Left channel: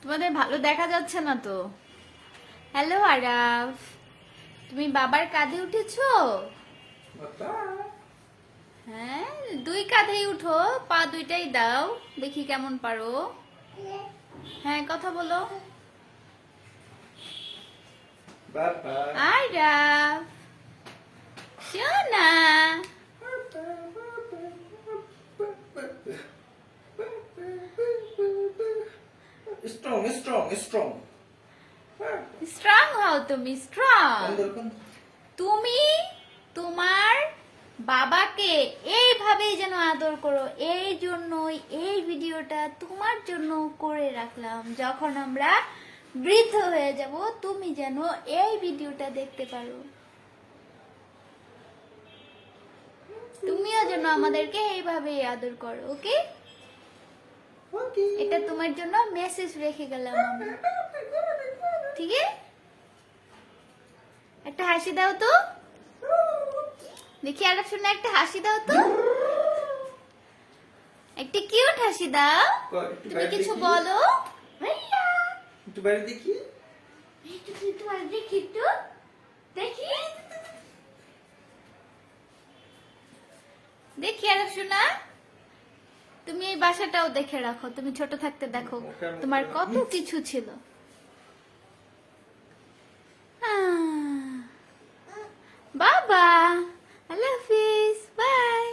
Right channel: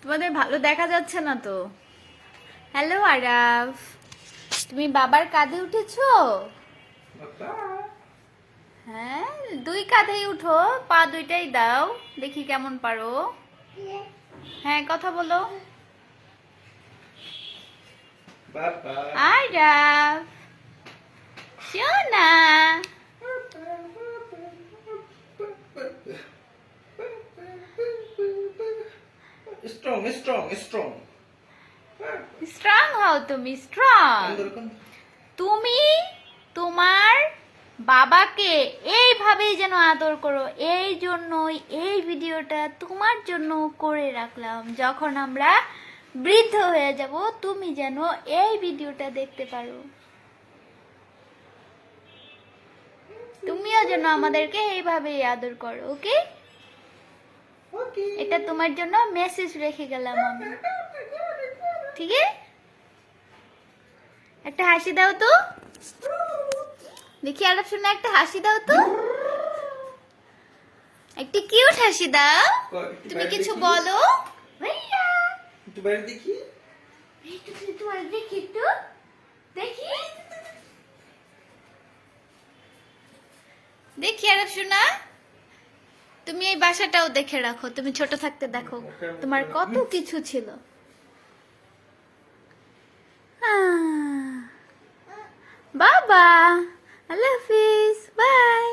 তোমাদের ভালো দেখা যাচ্ছে না তো। হ্যালো আরাফ, তুমি বাবার কাঁধে উঠেছো? হ্যাঁ, দুই কাঁধেই উঠো, পা দুইটাই দাও, দেখি কেমন পারো। হ্যাঁ, কথা বলো। আরাফ সোনা, স্ট্রং স্ট্রং স্ট্রং স্ট্রং হও, তুমি স্ট্রং। তুমি তোমার বাবাকে এইভাবেই যেন আদর করো, এই জন্যই এই ভিডিওটা তোমার জন্য করে রাখলাম। যখন আমরা বৃদ্ধ হয়ে যাব, তুমি যেন এই ভিডিওটা দেখতে পারো। তুমিও যেন আমাদেরকে এইভাবেই আদর করো, ওকে? এটা তোমার জন্য মেসেজ রেখে গেলাম আমি, ঠিক আছে? একটা হাসি দাও তো দেখি, আরেক শুনে একটা হাসি দাও তো, একটা কিউট হাসি দাও। তুমি কিছু বলো। একটু বাইরে দেখি। দেখি দেখি আরেক শোনা, তুমি এই বাসাটাও দেখে রাখো, তুমি ছোট থাকতে দেখো তোমার কত কিছু ছিল। বাবা, আল্লাহ হাফিজ, বাই।